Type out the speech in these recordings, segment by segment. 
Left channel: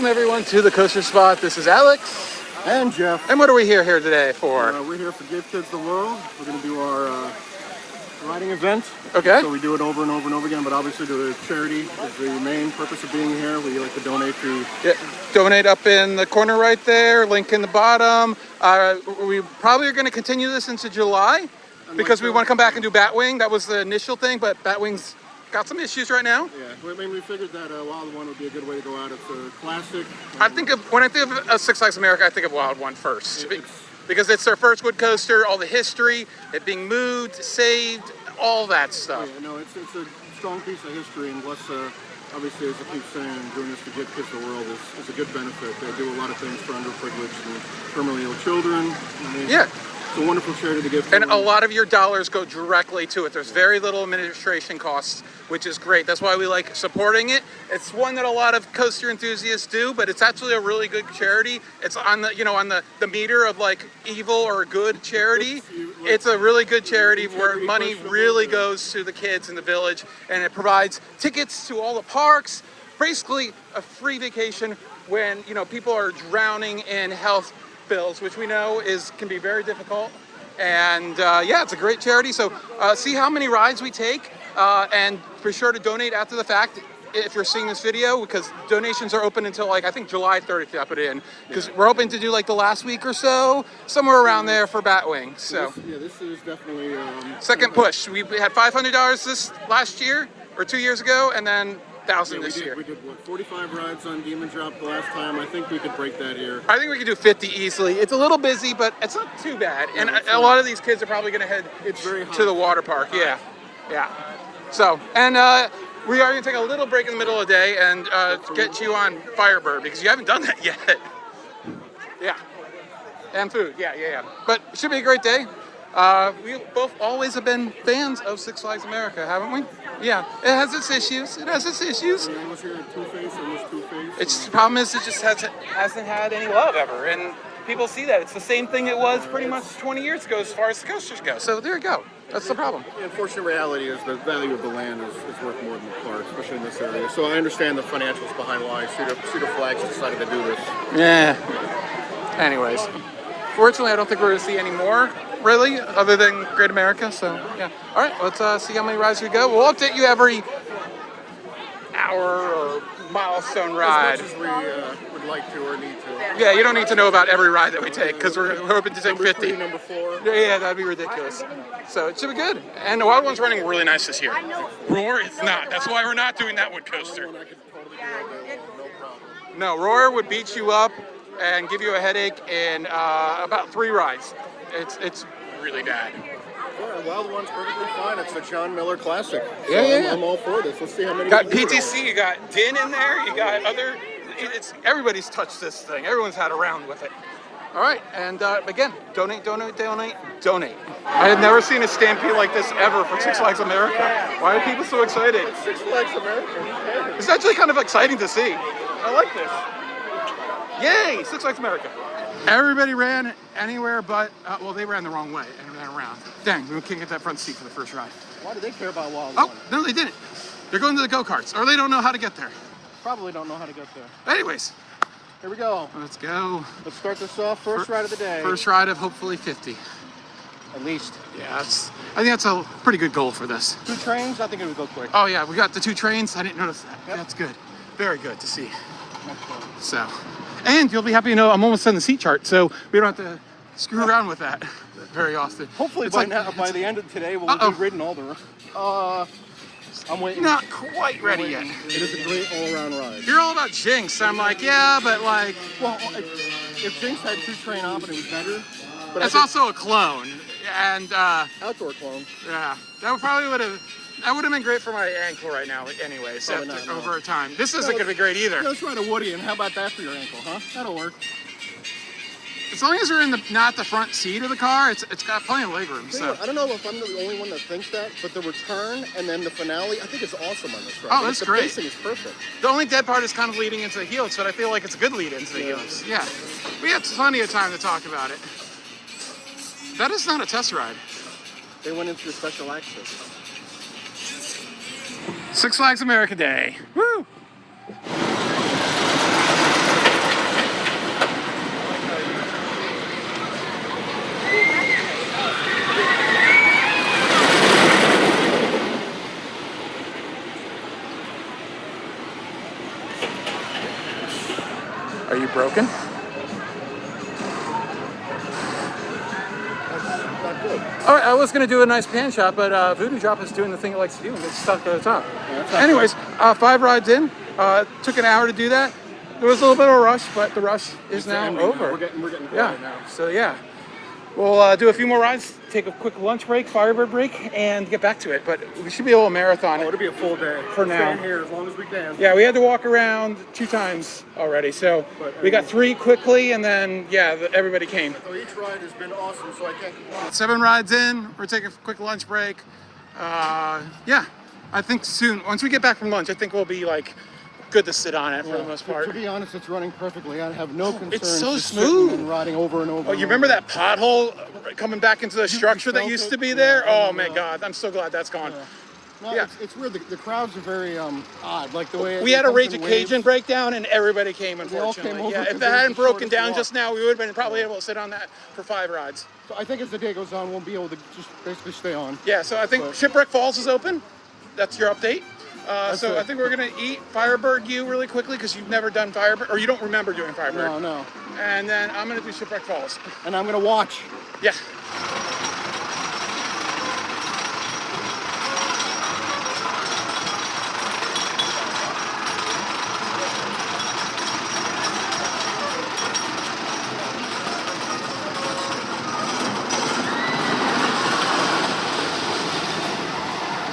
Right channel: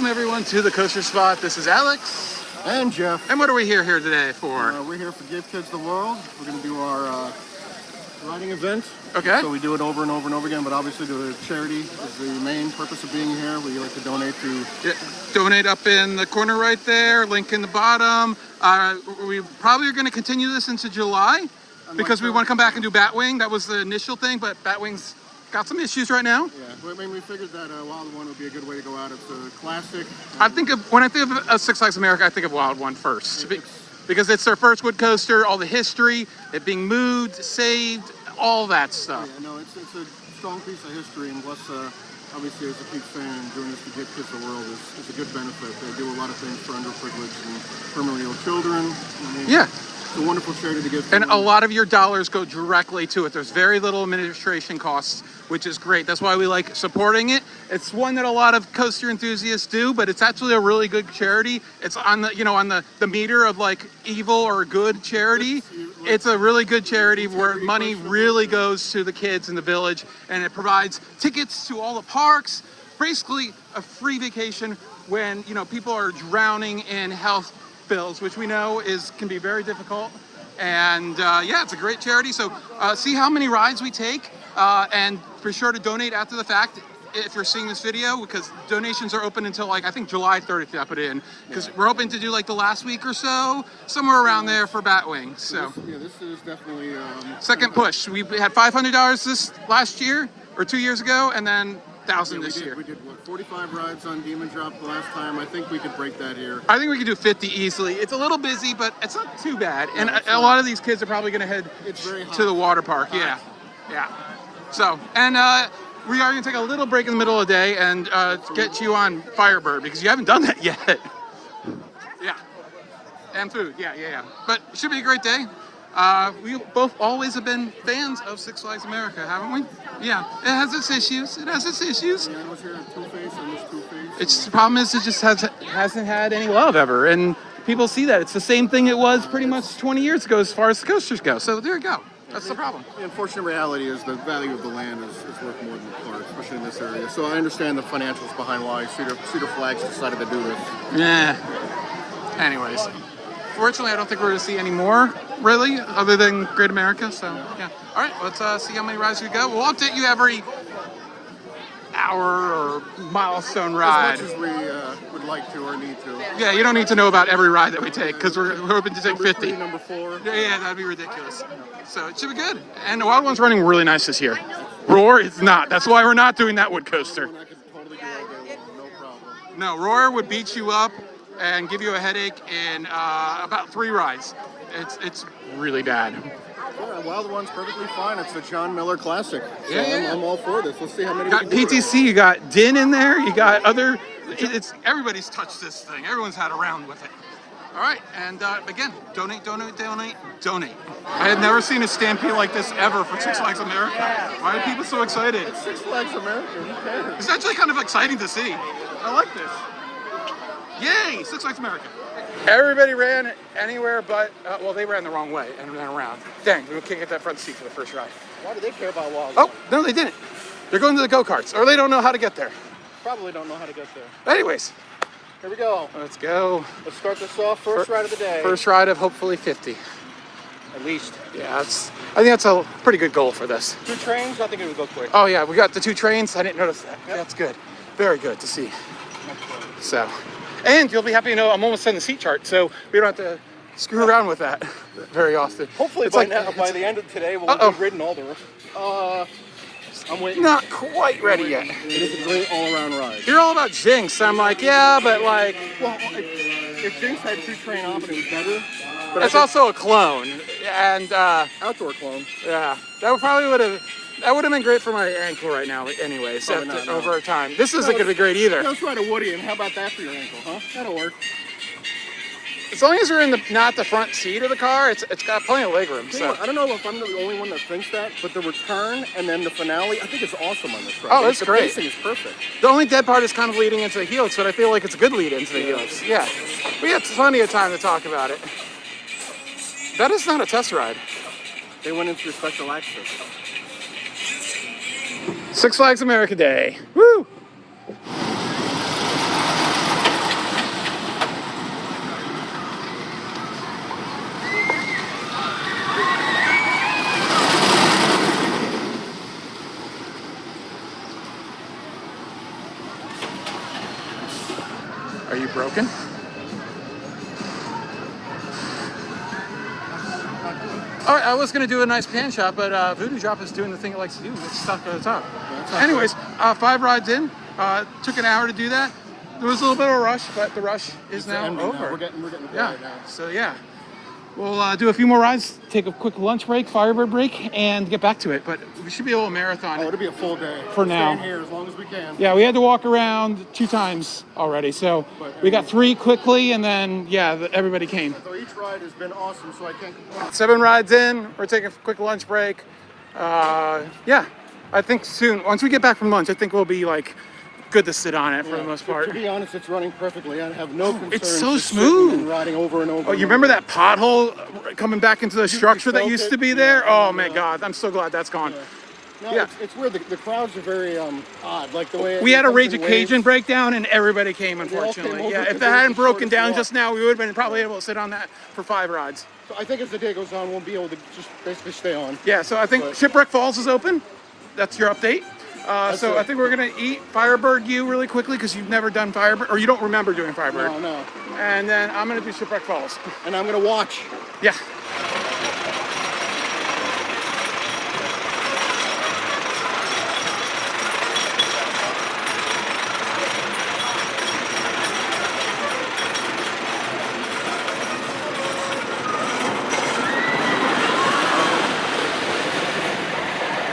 Welcome everyone to the Coaster Spot. This is Alex. And Jeff. And what are we here today for? We're here for Give Kids the World. We're going to do our riding event. Okay. So we do it over and over and over again, but obviously the charity is the main purpose of being here. We like to donate to... Yeah, donate up in the corner right there, link in the bottom. We probably are going to continue this into July because we want to come back and do Batwing. That was the initial thing, but Batwing's got some issues right now. Yeah, I mean, we figured that Wild One would be a good way to go out. It's a classic. When I think of Six Flags America, I think of Wild One first. Because it's their first wood coaster, all the history, it being moved, saved, all that stuff. Yeah, no, it's a strong piece of history, and what's obviously, as I keep saying, doing this to Give Kids the World is a good benefit. They do a lot of things for underprivileged and terminally ill children. Yeah. It's a wonderful charity to give. And a lot of your dollars go directly to it. There's very little administration costs, which is great. That's why we like supporting it. It's one that a lot of coaster enthusiasts do, but it's actually a really good charity. It's on the the meter of like evil or good charity. It's a really good charity where money really goes to the kids in the village, and it provides tickets to all the parks. Basically, a free vacation when people are drowning in health bills, which we know can be very difficult. And yeah, it's a great charity. So see how many rides we take, and be sure to donate after the fact if you're seeing this video, because donations are open until I think July 30th. I put it in because we're hoping to do like the last week or so, somewhere around there for Batwing. So this is definitely second push. We had $500 this last year or 2 years ago, and then 1,000 this year. We did 45 rides on Demon Drop the last time. I think we could break that here. I think we could do 50 easily. It's a little busy, but it's not too bad. And a lot of these kids are probably going to head to the water park. Yeah. So, and we are going to take a little break in the middle of the day and get you on Firebird because you haven't done that yet. Yeah. And food. Yeah. But it should be a great day. We both always have been fans of Six Flags America, haven't we? Yeah, it has its issues. I was here at Two-Face, I miss Two-Face. The problem is it just hasn't had any love ever, and people see that. It's the same thing it was pretty much 20 years ago as far as the coasters go. So there you go. That's the problem. The unfortunate reality is the value of the land is worth more than the park, especially in this area. So I understand the financials behind why Cedar Flags decided to do this. Yeah. Anyways, fortunately, I don't think we're going to see any more, really, other than Great America. So, yeah. All right, let's see how many rides we go. We'll update you every hour or milestone ride. As much as we would like to or need to. Yeah, you don't need to know about every ride that we take because we're hoping to take 50. Number 4. Yeah, that'd be ridiculous. So it should be good. And the Wild One's running really nice this year. Roar is not. That's why we're not doing that wood coaster. I could totally do all day long, no problem. No, Roar would beat you up and give you a headache in about 3 rides. It's really bad. Well, Wild One's perfectly fine. It's the John Miller Classic. So Yeah. I'm all for this. Let's see how many. Got PTC, you got Din in there, you got other. It's everybody's touched this thing. Everyone's had a round with it. All right, and again, donate. I have never seen a stampede like this ever for Six Flags America. Why are people so excited? It's Six Flags America. Who cares? It's actually kind of exciting to see. I like this. Yay, Six Flags America. Everybody ran anywhere but, well, they ran the wrong way and ran around. Dang, we can't get that front seat for the first ride. Why do they care about Wild Oh, One? no, they didn't. They're going to the go-karts, or they don't know how to get there. Probably don't know how to get there. Anyways. Here we go. Let's go. Let's start this off. First ride of the day. First ride of hopefully 50. At least. Yeah, I think that's a pretty good goal for this. 2 trains, I think it would go quick. Oh yeah, we got the 2 trains. I didn't notice that. Yep. That's good. Very good to see. So, and you'll be happy to know I'm almost on the seat chart, so we don't have to screw around with that very often. Hopefully it's by the end of today, we'll be ridden all there. I'm waiting. Not quite ready yet. It is a great all-around ride. You're all about Jinx. I'm like, yeah, but like... Well, if Jinx had 2 train op, it was better. It's also a clone, and... outdoor clone. Yeah, that would have been great for my ankle right now anyways, over time. This isn't going to be great either. Let's ride a Woody, and how about that for your ankle, huh? That'll work. As long as you're in not the front seat of the car, it's got plenty of legroom. So I don't know if I'm the only one that thinks that, but the return and then the finale, I think it's awesome on this ride. Oh, that's great. The pacing is perfect. The only dead part is kind of leading into the helix, but I feel like it's a good lead into the helix. Yeah, we have plenty of time to talk about it. That is not a test ride. They went into the special access. Six Flags America Day. Woo! Are you broken? That's not good. All right, I was gonna do a nice pan shot, but Voodoo Drop is doing the thing it likes to do and gets stuck at the top. Yeah, that's not Anyways, 5 rides in. Took an hour to do that. There was a little bit of a rush, but the rush is now ending over. We're getting Yeah. So yeah, we'll do a few more rides, take a quick lunch break, Firebird break, and get back to it. But we should be able to marathon. Oh, it'll be a full day. For We're now. staying here as long as we can. Yeah, we had to walk around 2 times already, so we got 3 quickly, and then yeah, everybody came. So each ride has been awesome, so I can't complain. 7 rides in. We're taking a quick lunch break. Yeah, I think soon, once we get back from lunch, I think we'll be like good to sit on it for the most part. To be honest, it's running perfectly. I have no concerns. It's so just smooth. sitting and riding over and over. You remember that pothole coming back into the structure that felt used it? to be there? Yeah, I Oh my remember that. God, I'm so glad that's gone. No, Yeah. it's weird. The crowds are very odd. Like the way We it had a comes Rage in Cajun waves. breakdown and everybody came, They all unfortunately. came over Yeah, if because it it was hadn't the broken shortest down walk. just now, we would have been probably able to sit on that for 5 rides. So I think as the day goes on, we'll be able to just basically stay on. Yeah, so I think So- Shipwreck Falls is open. That's your update. So I think we're gonna eat Firebird U really quickly because you've never done Firebird, or you don't remember doing Firebird. No. And then I'm gonna do Shipwreck Falls. And I'm gonna watch. Yeah.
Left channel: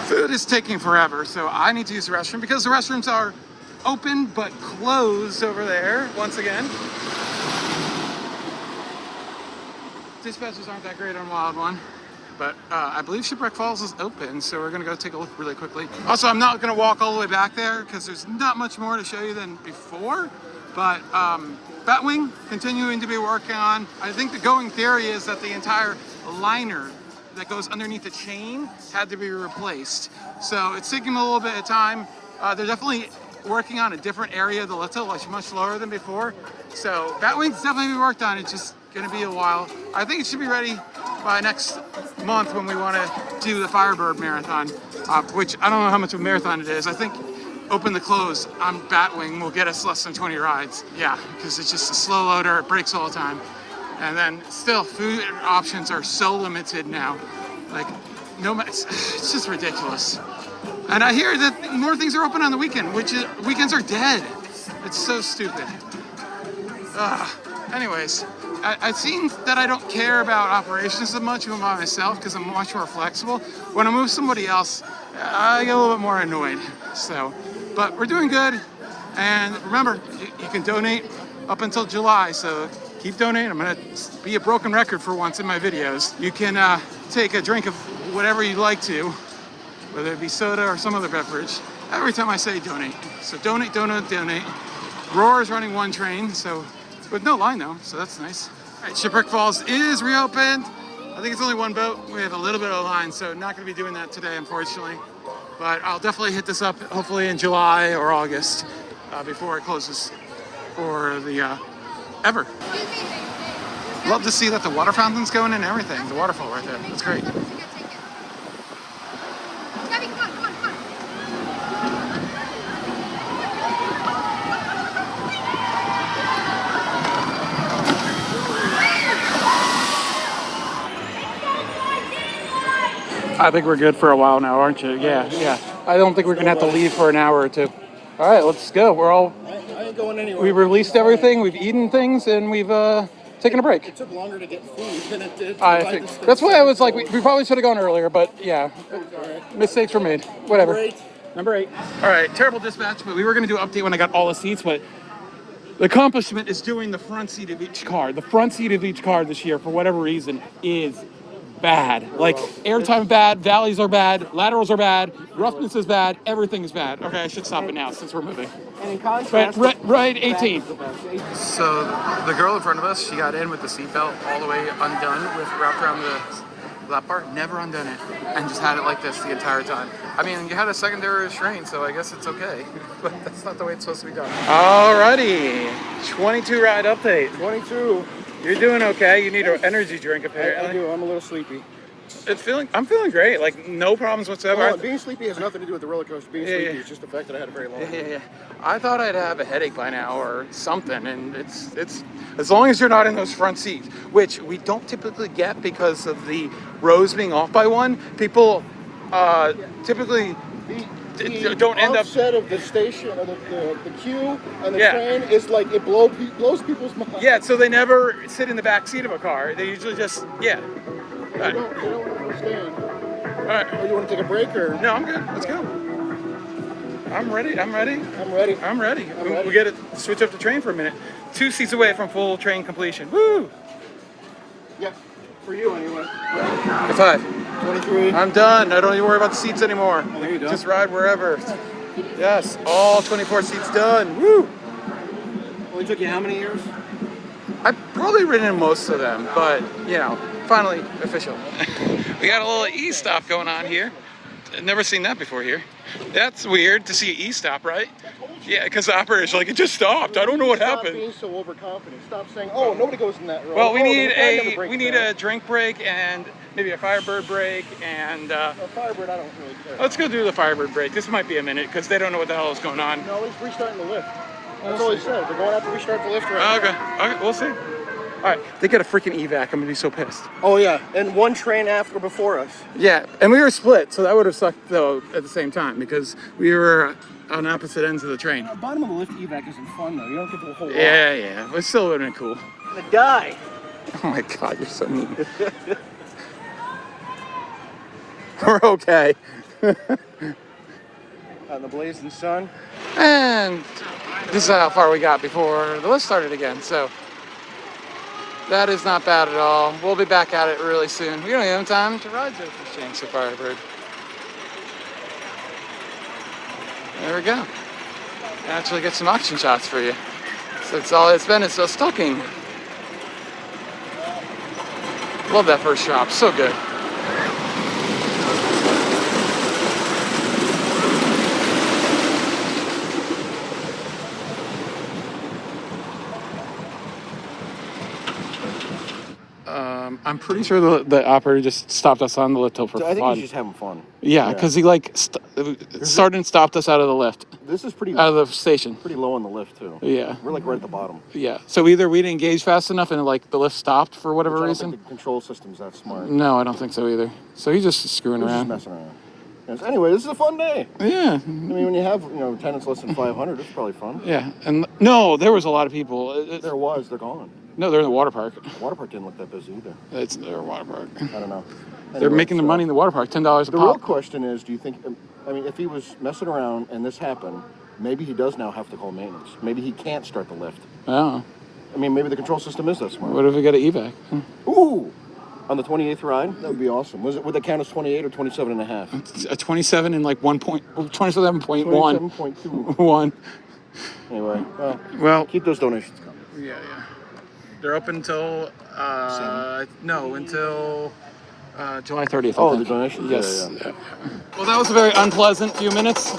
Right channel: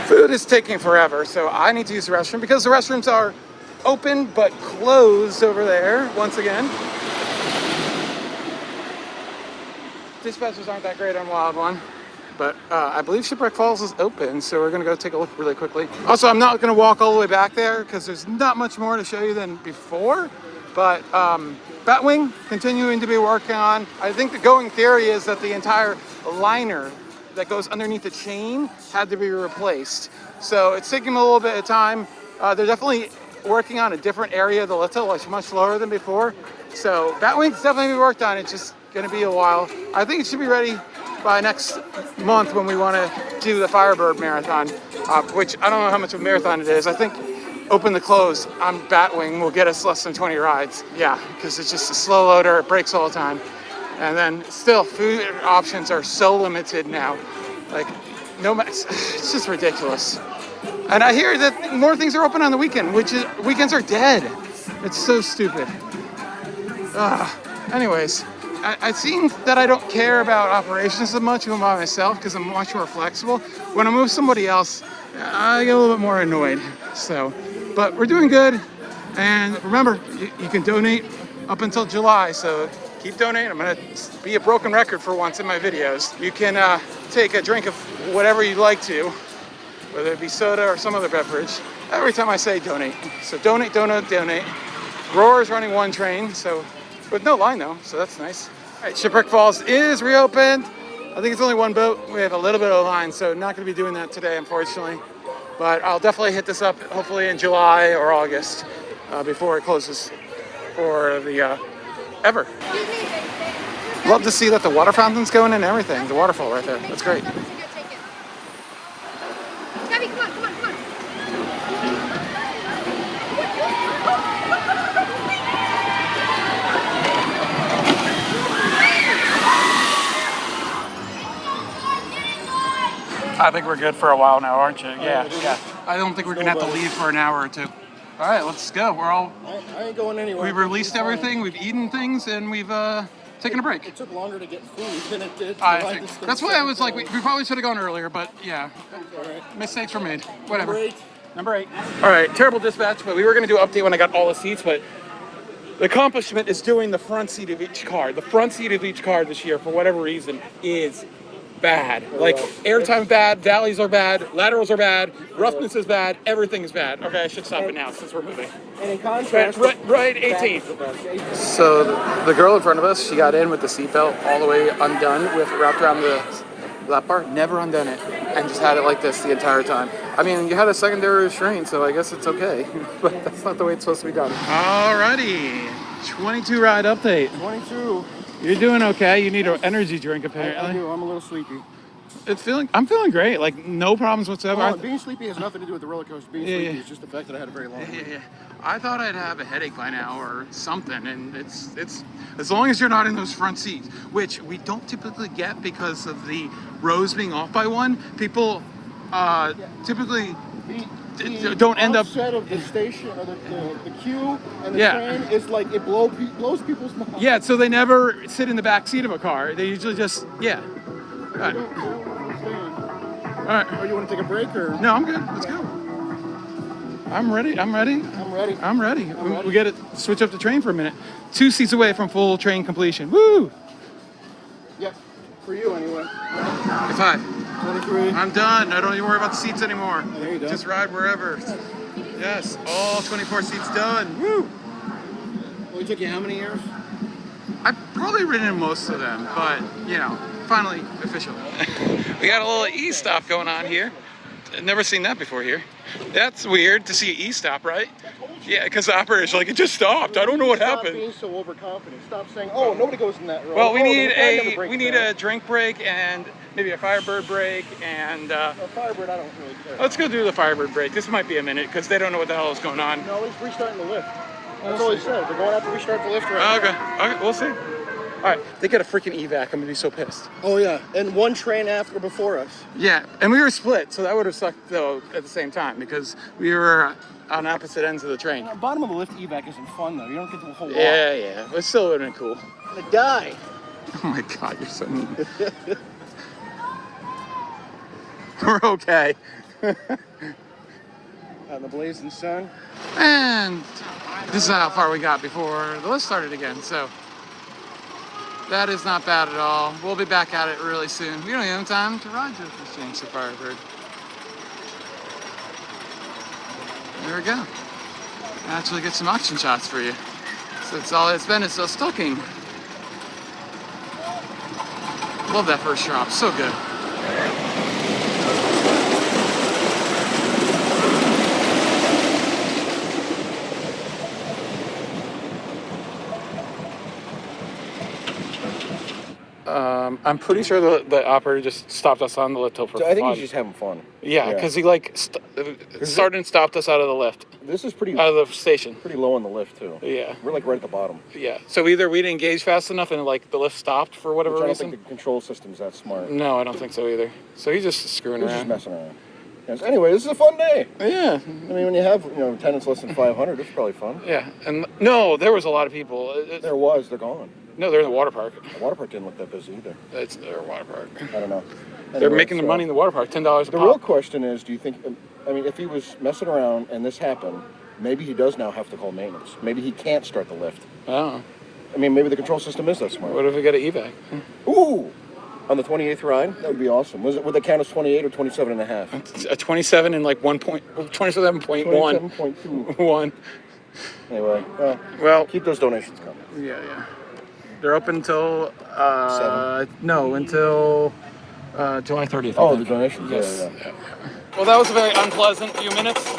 Food is taking forever, so I need to use the restroom because the restrooms are open but closed over there once again. Dispatches aren't that great on Wild One, but I believe Shipwreck Falls is open, so we're gonna go take a look really quickly. Also, I'm not gonna walk all the way back there because there's not much more to show you than before, but Batwing continuing to be working on. I think the going theory is that the entire liner that goes underneath the chain had to be replaced. So it's taking a little bit of time. They're definitely working on a different area of the little, like much lower than before. So Batwing's definitely be worked on. It's just gonna be a while. I think it should be ready by next month when we wanna do the Firebird Marathon, which I don't know how much of a marathon it is. I think open to close on Batwing will get us less than 20 rides. Yeah, because it's just a slow loader, it breaks all the time. And then still, food options are so limited now. Like, it's just ridiculous. And I hear that more things are open on the weekend, weekends are dead. It's so stupid. Anyways, I seem that I don't care about operations as much when I'm by myself because I'm much more flexible. When I'm with somebody else, I get a little bit more annoyed. So, but we're doing good. And remember, you can donate up until July, so keep donating. I'm gonna be a broken record for once in my videos. You can take a drink of whatever you'd like to, whether it be soda or some other beverage, every time I say donate. So donate. Roar's running 1 train, so with no line though, so that's nice. All right, Shipwreck Falls is reopened. I think it's only 1 boat. We have a little bit of a line, so not gonna be doing that today, unfortunately. But I'll definitely hit this up hopefully in July or August before it closes for the ever. Love to see that the water fountain's going and everything. The waterfall right there. That's great. Gabby, come on. I think we're good for a while now, aren't you? Yeah. I don't think we're gonna have to leave for an hour or 2. All right, let's go. I ain't going anywhere. We released everything. We've eaten things, and we've taken a break. It took longer to get food than it did to I ride think this thing. that's why I was like, we probably should have gone earlier, but yeah, All right. mistakes were made. Whatever. Number 8. Number 8. All right, terrible dispatch, but we were gonna do an update when I got all the seats, but the accomplishment is doing the front seat of each car. The front seat of each car this year, for whatever reason, is bad. Like airtime bad, valleys are bad, laterals are bad, roughness is bad, everything is bad. Okay, I should stop it now since we're moving. And in But contrast, right 18th. So the girl in front of us, she got in with the seatbelt all the way undone with wrapped around the lap bar, never undone it, and just had it like this the entire time. I mean, you had a secondary restraint, so I guess it's okay, but that's not the way it's supposed to be done. Alrighty, 22 ride update. 22. You're doing okay. You need an energy drink I apparently. do. I'm a little sleepy. I'm feeling great. Like no problems whatsoever. Well, being sleepy has nothing to do with the roller coaster. Being sleepy is just the fact that I had a very long day. Yeah. I thought I'd have a headache by now or something, and it's as long as you're not in those front seats, which we don't typically get because of the rows being off by one. People typically don't end up. The offset of the station or the queue and the train is like it blows people's minds. Yeah, so they never sit in the back seat of a car. They usually just They don't understand. All right. Oh, you want to take a break or? No, I'm good. Let's go. I'm ready. We got to switch up the train for a minute. 2 seats away from full train completion. Woo! Yeah, for you anyway. High five. 23. I'm done. I don't even worry about the seats anymore. There you go. Just ride wherever. Yes, all 24 seats done. Woo! Only took you how many years? I've probably ridden most of them, but finally official. We got a little e-stop going on here. I've never seen that before here. That's weird to see an e-stop, right? Yeah, because the operator's like, it just stopped. I don't know what happened. Stop being so overconfident. Stop saying, oh, nobody goes in that road. Well, we need a drink break and maybe a Firebird break and. Firebird, I don't really care. Let's go do the Firebird break. This might be a minute because they don't know what the hell is going on. No, he's restarting the lift. That's all he said. They're going out to restart the lift right now. Okay, we'll see. All right, they got a freaking evac. I'm gonna be so pissed. Oh yeah, and one train after before us. Yeah, and we were split, so that would have sucked though at the same time because we were on opposite ends of the train. The bottom of the lift evac isn't fun though. You don't get to a whole lot. Yeah, it still would have been cool. The die. Oh my God, you're so mean. We're okay. On the blazing sun. And this is how far we got before the lift started again, so. That is not bad at all. We'll be back at it really soon. We don't even have time to ride this with Jinx or Firebird. There we go. Actually get some action shots for you. So it's all it's been is the stocking. Love that first drop, so good. I'm pretty sure the operator just stopped us on the lift for fun. I think he's just having fun. Yeah, because he started and stopped us out of the lift. This is pretty out of the station. Pretty low on the lift too. Yeah, we're like right at the bottom. Yeah, so either we didn't engage fast enough and like the lift stopped for whatever reason. I don't think the control system's that smart. No, I don't think so either. So he's just screwing around. Just messing around. Yes. Anyway, this is a fun day. Yeah. I mean, when you have attendance less than 500, it's probably fun. Yeah, and no, there was a lot of people. They're gone. No, they're in the water park. The water park didn't look that busy either. It's their water park. I don't know. Anyway, they're making the money in the water park, $10 a pop. The real question is, do you think? I mean, if he was messing around and this happened, maybe he does now have to call maintenance. Maybe he can't start the lift. Oh. I mean, maybe the control system is that smart. What if we got an evac? Ooh. On the 28th ride, that would be awesome. Would that count as 28 or 27 and a half? A 27 and like 27.1. 27.1. Anyway, well, keep those donations coming. Yeah. They're open until until July 30th. Oh, the donations. Yes. Yeah. Well, that was a very unpleasant few minutes,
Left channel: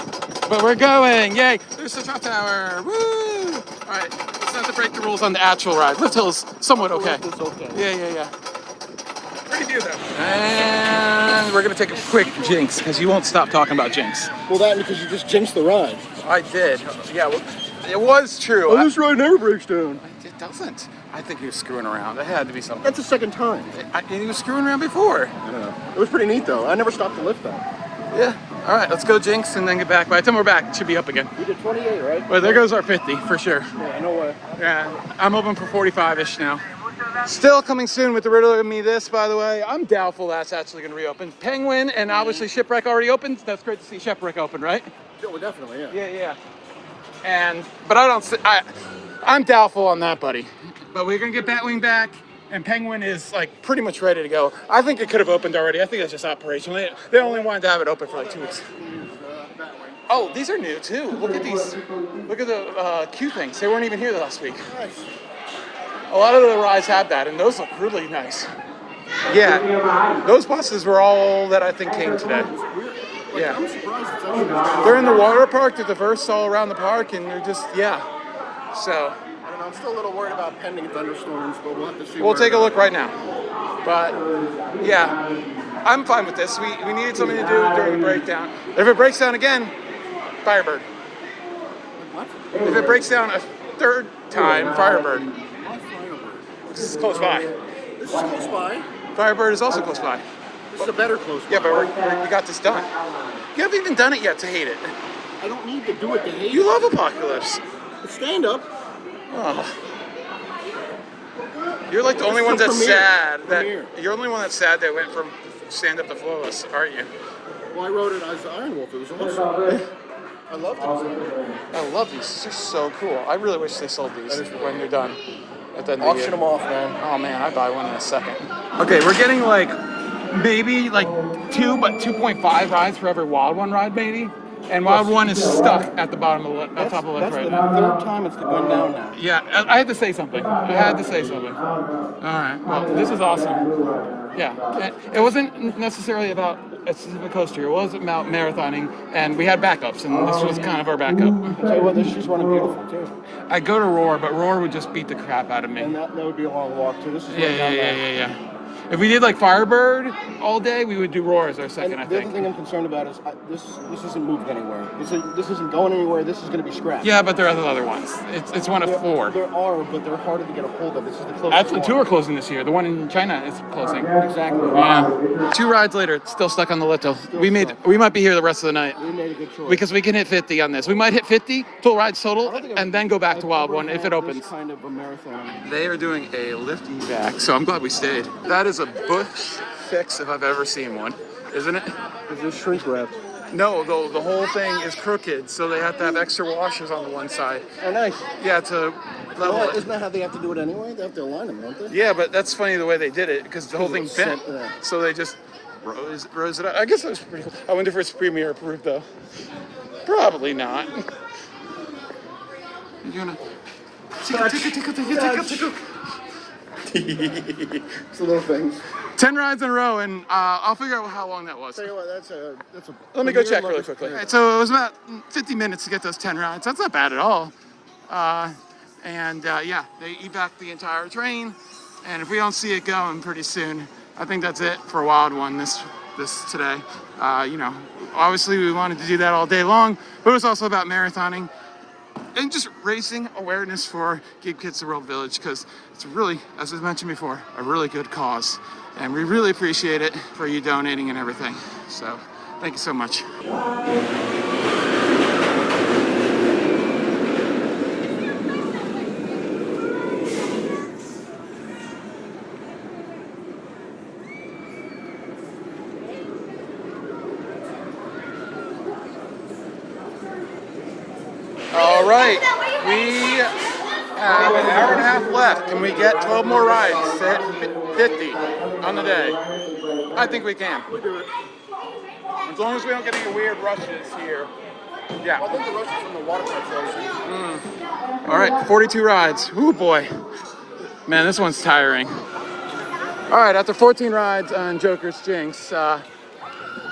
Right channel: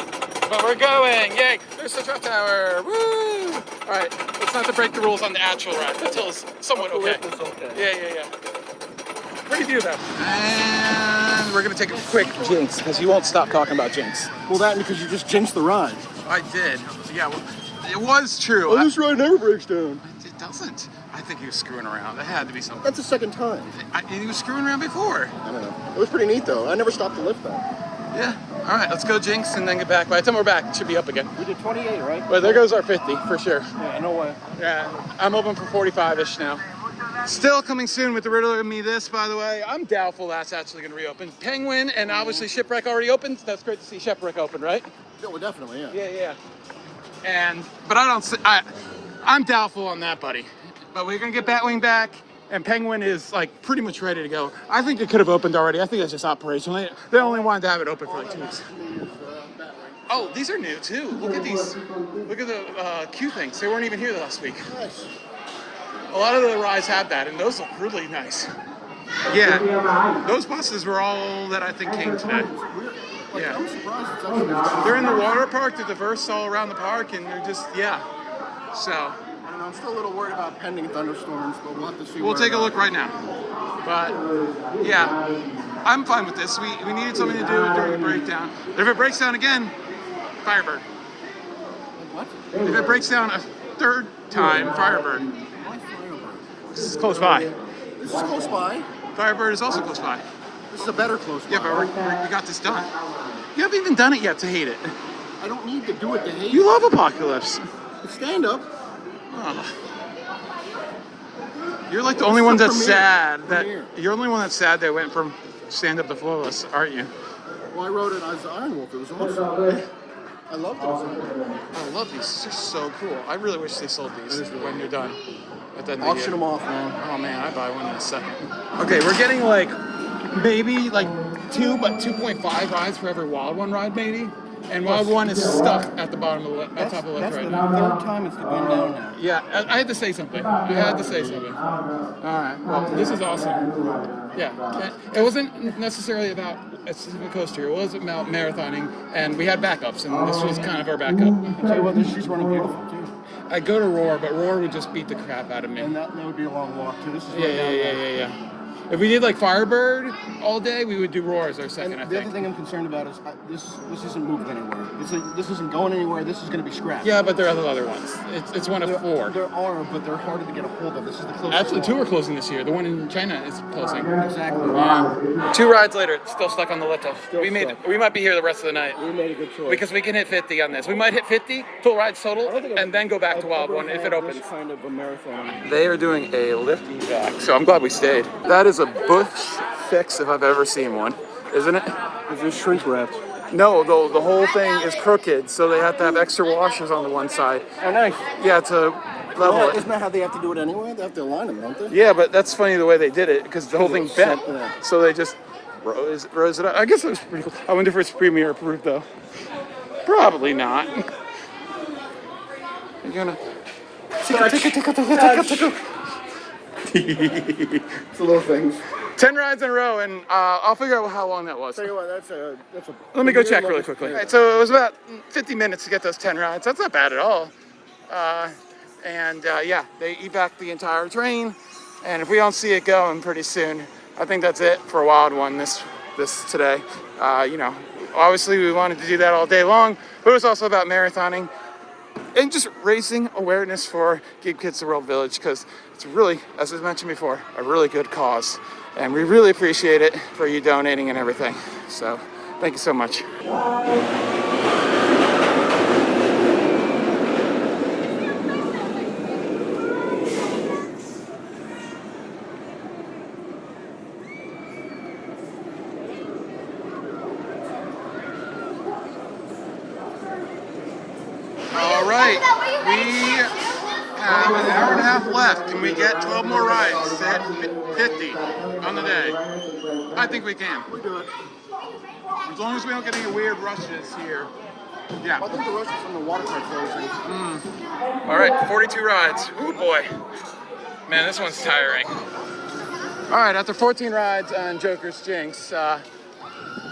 but we're going. Yay! There's the truck tower. Woo! All right, let's not to break the rules on the actual ride. Lift Hill is somewhat okay. It's okay. Yeah. Pretty do that. And we're gonna take a quick Jinx because you won't stop talking about Jinx. Well, that because you just jinxed the ride. I did. Yeah. Well, it was true. This ride never breaks down. It doesn't. I think he was screwing around. There had to be something. That's the second time. And he was screwing around before. Yeah. It was pretty neat though. I never stopped the lift though. Yeah. All right, let's go Jinx and then get back. By the time we're back, it should be up again. We did 28, right? Well, there goes our 50 for sure. Yeah, no way. Yeah, I'm open for 45-ish now. Still coming soon with the Riddle of Me This, by the way. I'm doubtful that's actually going to reopen. Penguin and obviously Shipwreck already opened. That's great to see Shipwreck open, right? Yeah, well, definitely, yeah. Yeah. But I'm doubtful on that, buddy. But we're going to get Batwing back. And Penguin is like pretty much ready to go. I think it could have opened already. I think that's just operational. They only wanted to have it open for like 2 weeks. Oh, these are new too. Look at these. Look at the queue things. They weren't even here last week. A lot of the rides had that, and those look really nice. Yeah, those buses were all that I think came today. Yeah. I'm surprised it's actually They're in the water park. They're diverse all around the park, and they're just, yeah. So. I don't know. I'm still a little worried about pending thunderstorms, but we'll have to see. We'll take a look right now. But, yeah. I'm fine with this. We needed something to do during the breakdown. If it breaks down again, Firebird. What? If it breaks down a third time, Firebird. Why Firebird? This is close by. This is close by. Firebird is also close by. This is a better close by. Yeah, but we got this done. You haven't even done it yet to hate it. I don't need to do it to hate You it. love Apocalypse. Stand up. Oh. You're like the only It's one the that's premiere. sad that Premiere. you're the only one that's sad that went from stand up to flawless, aren't you? Well, I wrote it as Iron Wolf. It was awesome. I loved it. I love these. This is so cool. I really wish they sold these when you're done at the end of the Auction year. them off, man. Oh man, I'd buy one in a second. Okay, we're getting like maybe like 2.5 rides for every Wild One ride, maybe. And Wild One is stuck at the bottom of the top of the list That's right the now. third time it's gone down now. Yeah, I had to say something. All right, well, this is awesome. Yeah, it wasn't necessarily about a specific coaster. It was about marathoning, and we had backups, and this was kind of our backup. I'll tell you what, this shoe's running beautiful too. I'd go to Roar, but Roar would just beat the crap out of me. And that would be a long walk too. This is running down now. Yeah. If we did like Firebird all day, we would do Roar as our second, And I the other think. thing I'm concerned about is this isn't moving anywhere. This isn't going anywhere. This is going to be scrapped. Yeah, but there are other ones. It's one of four. There are, but they're harder to get a hold of. This is the closest Actually, one. two are closing this year. The one in China is closing. Exactly. Yeah. 2 rides later, it's still stuck on the little. We might be here the rest of the night. We made a good choice. Because we can hit 50 on this. We might hit 50 full rides I total, don't think and then go back to Wild One if it opens. This kind of a marathon. They are doing a lift and jack, so I'm glad we stayed. That is a bush fix if I've ever seen one, isn't it? Is this shrink wrapped? No, the whole thing is crooked, so they have to have extra washers on the one side. Oh, nice. Yeah, to level it. Isn't that how they have to do it anyway? They have to align them, don't they? Yeah, but that's funny the way they did it, because the whole thing bent. Yeah. So they just rose it up. I guess it was pretty cool. I wonder if it's Premier approved, though. Probably not. You're gonna... Tickle. It's the little things. 10 rides in a row, and I'll figure out how long that was. Tell you what, that's a. Let me go check really quickly. All right, so it was about 50 minutes to get those 10 rides. That's not bad at all. Yeah, they evac the entire train, and if we don't see it going pretty soon, I think that's it for Wild One this today. Obviously we wanted to do that all day long, but it was also about marathoning and just raising awareness for Give Kids the World Village, because it's really, as I mentioned before, a really good cause. And we really appreciate it for you donating and everything. So, thank you so much. All right, we have an hour and a half left. Can we get 12 more rides to hit 50 on the day? I think we can. We do it. As long as we don't get any weird rushes here. Yeah. I think the rest is from the water park closing. All right, 42 rides. Ooh, boy. Man, this one's tiring. All right, after 14 rides on Joker's Jinx, I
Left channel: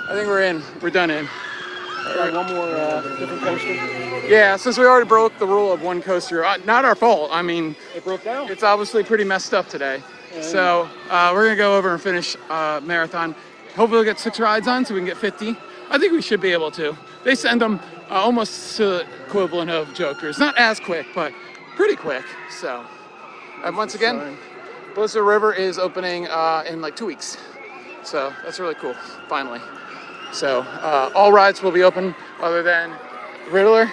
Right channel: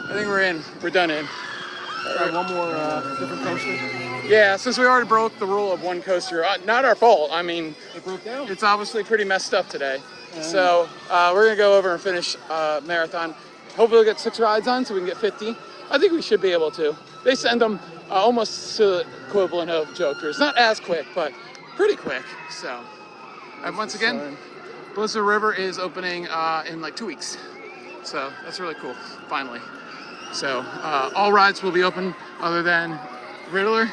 think we're in. We're done in. Try one more different coaster. Yeah, since we already broke the rule of one coaster, not our fault. I mean, It broke down. it's obviously pretty messed up today. And- So we're gonna go over and finish marathon. Hopefully we'll get 6 rides on so we can get 50. I think we should be able to. They send them almost to the equivalent of Joker's. Not as quick, but pretty quick. So, and once again, Blizzard River is opening in like 2 weeks. So that's really cool, finally. So all rides will be open other than Riddler,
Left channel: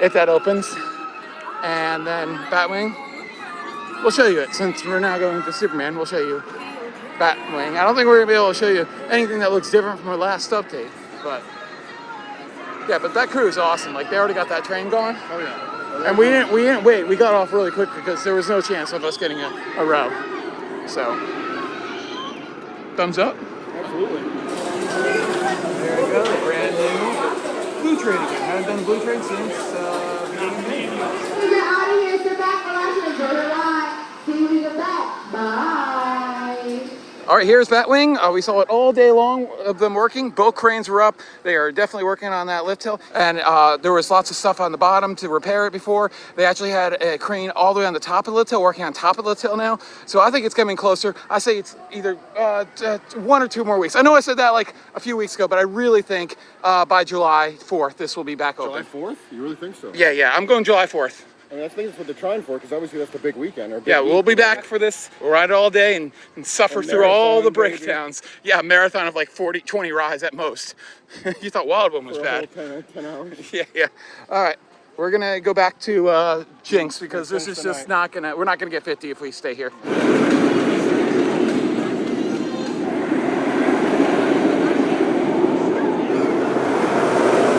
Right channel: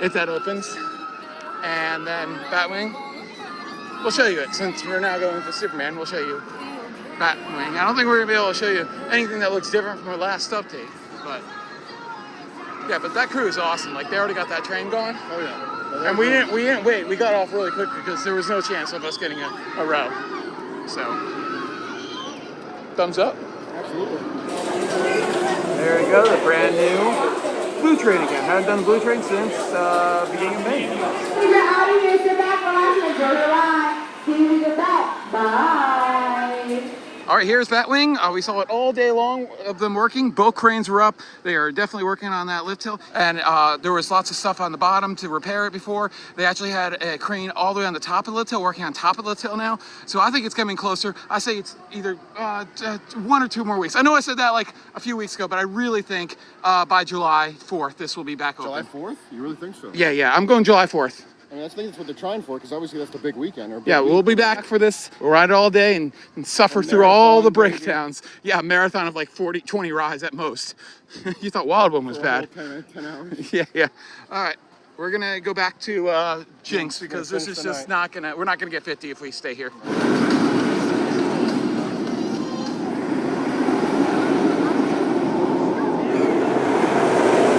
if that opens. And then Batwing, we'll show you it. Since we're now going to Superman, we'll show you Batwing. I don't think we're gonna be able to show you anything that looks different from our last update, but yeah, but that crew is awesome. Like, they already got that train going. And we didn't wait. We got off really quick because there was no chance of us getting a row. So, thumbs up. Absolutely. There we go, the brand new Blue Train again. Haven't done Blue Train since beginning of May. You're out of here, sit back on, enjoy the ride. See you when you get back. Bye. All right, here's Batwing. We saw it all day long of them working. Both cranes were up. They are definitely working on that lift hill. And there was lots of stuff on the bottom to repair it before. They actually had a crane all the way on the top of the lift hill, working on top of the lift hill now. So I think it's coming closer. I say it's either 1 or 2 more weeks. I know I said that like a few weeks ago, but I really think by July 4th, this will be back open. July 4th? You really think so? Yeah, I'm going July 4th. I mean, I think that's what they're trying for, because obviously that's the big weekend. Or big Yeah, we'll be back for this. We'll ride all day and suffer through all the breakdowns. Yeah, marathon of like 20 rides at most. You thought Wild One was for bad. A whole 10 hours. Yeah. All right, we're gonna go back to Jinx because this is just not gonna. We're not gonna get 50 if we stay here.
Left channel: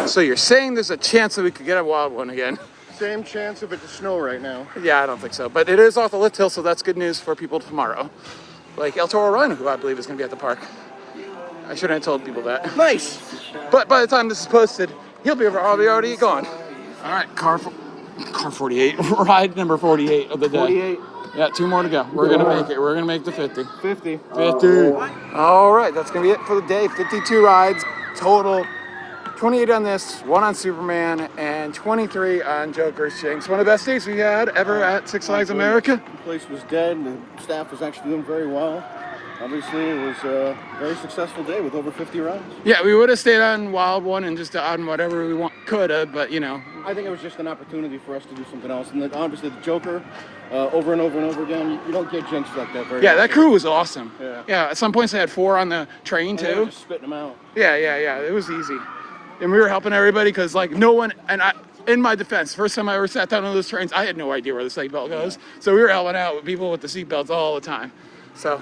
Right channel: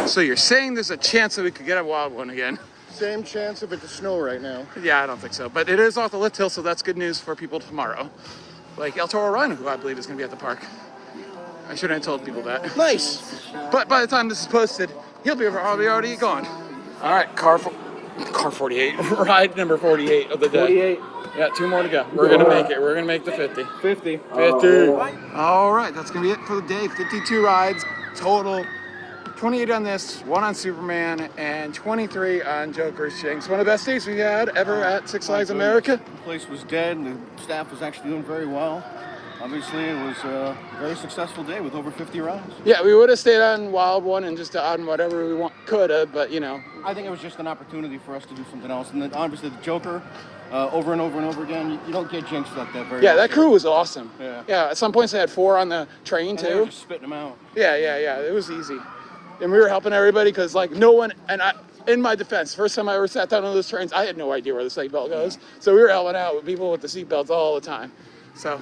So you're saying there's a chance that we could get a Wild One again? Same chance if it's snow right now. Yeah, I don't think so. But it is off the lift hill, so that's good news for people tomorrow. Like El Toro Run, who I believe is going to be at the park. I shouldn't have told people that. Nice. But by the time this is posted, he'll be already gone. All right, car 48, ride number 48 of the day. 48. Yeah, 2 more to go. We're going to make it. We're going to make the 50. 50. 50. All right, that's going to be it for the day. 52 rides total. 28 on this, 1 on Superman, and 23 on Joker's Jinx. One of the best days we had ever at Six Flags America. The place was dead, and the staff was actually doing very well. Obviously, it was a very successful day with over 50 rides. Yeah, we would have stayed on Wild One and just on whatever we could have, but you know. I think it was just an opportunity for us to do something else. And obviously, the Joker, over and over and over again, you don't get Jinx like that very often. Yeah, that crew was awesome. Yeah. At some points they had 4 on the train and too. they were just spitting them out. Yeah. It was easy. And we were helping everybody because like no one, and in my defense, first time I ever sat down on those trains, I had no idea where the seatbelt goes. So we were helping out with people with the seatbelts all the time. So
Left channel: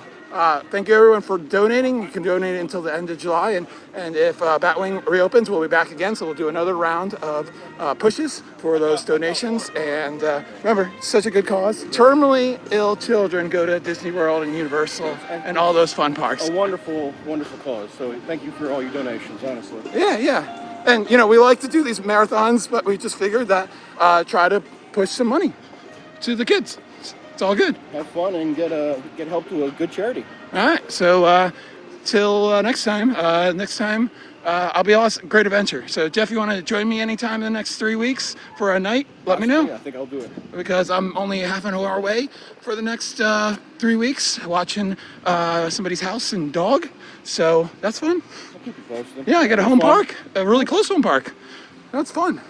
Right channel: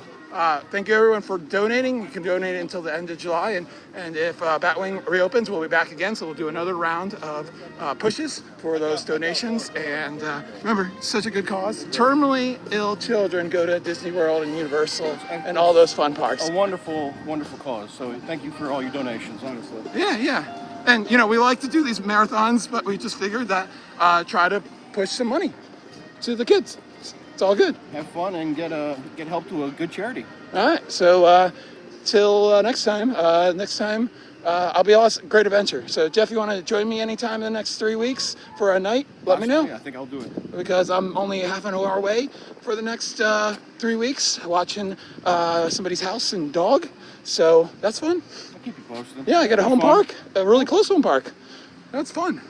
thank you everyone for donating. You can donate until the end of July, and if Batwing reopens, we'll be back again. So we'll do another round of pushes for those donations. And remember, such a good cause. Terminally ill children go to Disney World and Universal and all those fun parks. A wonderful, wonderful cause. So thank you for all your donations, honestly. Yeah. And you know, we like to do these marathons, but we just figured that try to push some money to the kids. It's all good. Have fun and get help to a good charity. All right. So till next time. I'll be on Great Adventure. So Jeff, you want to join me anytime in the next 3 weeks for a night? Let me know. Yeah, I think I'll do it. Because I'm only half an hour away for the next 3 weeks watching somebody's house and dog. So that's fun. I'll keep you posted. Yeah, I got a home park, a really close home park. That's fun.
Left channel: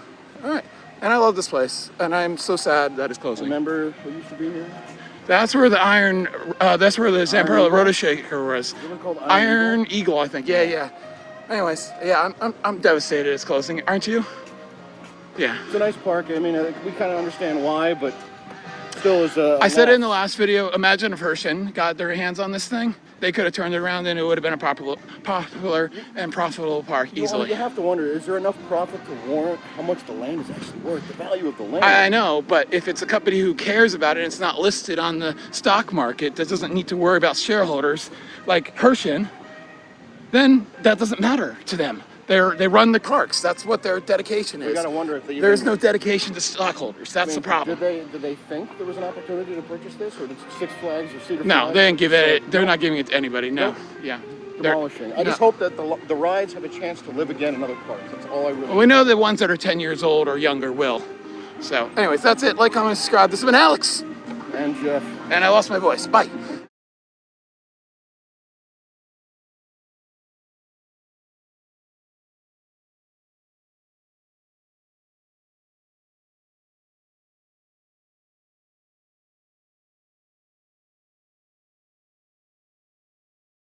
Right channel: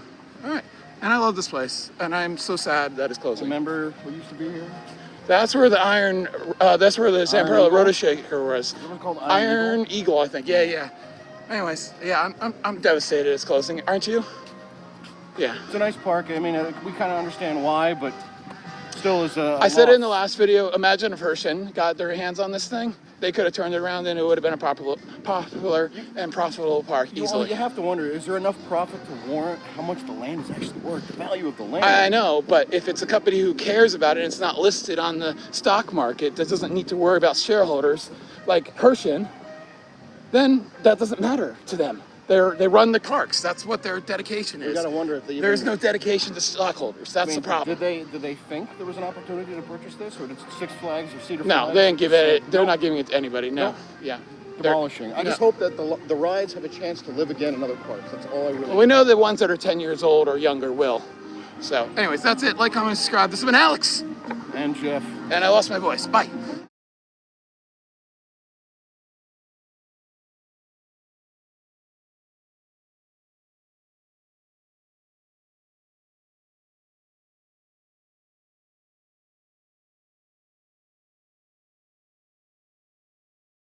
All right. And I love this place. And I'm so sad that it's closing. Remember what used to be here? That's where the that's where the Zamperla Rotoshaker was. What was it called? Iron Eagle, I think. Yeah. Anyways, yeah, I'm devastated it's closing. Aren't you? Yeah. It's a nice park. I mean, we kind of understand why, but still is a I said it in the loss. last video, imagine if Hershin got their hands on this thing. They could have turned it around and it would have been a popular and profitable park Well, easily. you have to wonder, is there enough profit to warrant how much the land is actually worth, the value of the land? I know, but if it's a company who cares about it and it's not listed on the stock market that doesn't need to worry about shareholders like Hershin, then that doesn't matter to them. They run the parks. That's what their dedication is. gotta wonder if they There's even- no dedication to stockholders. That's the problem. Did they think there was an opportunity to purchase this, or did Six Flags or Cedar No, Flags they didn't give it. say, They're nope, not giving it to anybody. No. Nope. Yeah. demolishing? I just no. hope that the rides have a chance to live again in other parks. That's all I really. We know the ones that are 10 years old or younger will. So, anyways, that's it. Like, comment, subscribe. This has been Alex. And Jeff. And I lost my voice. Bye.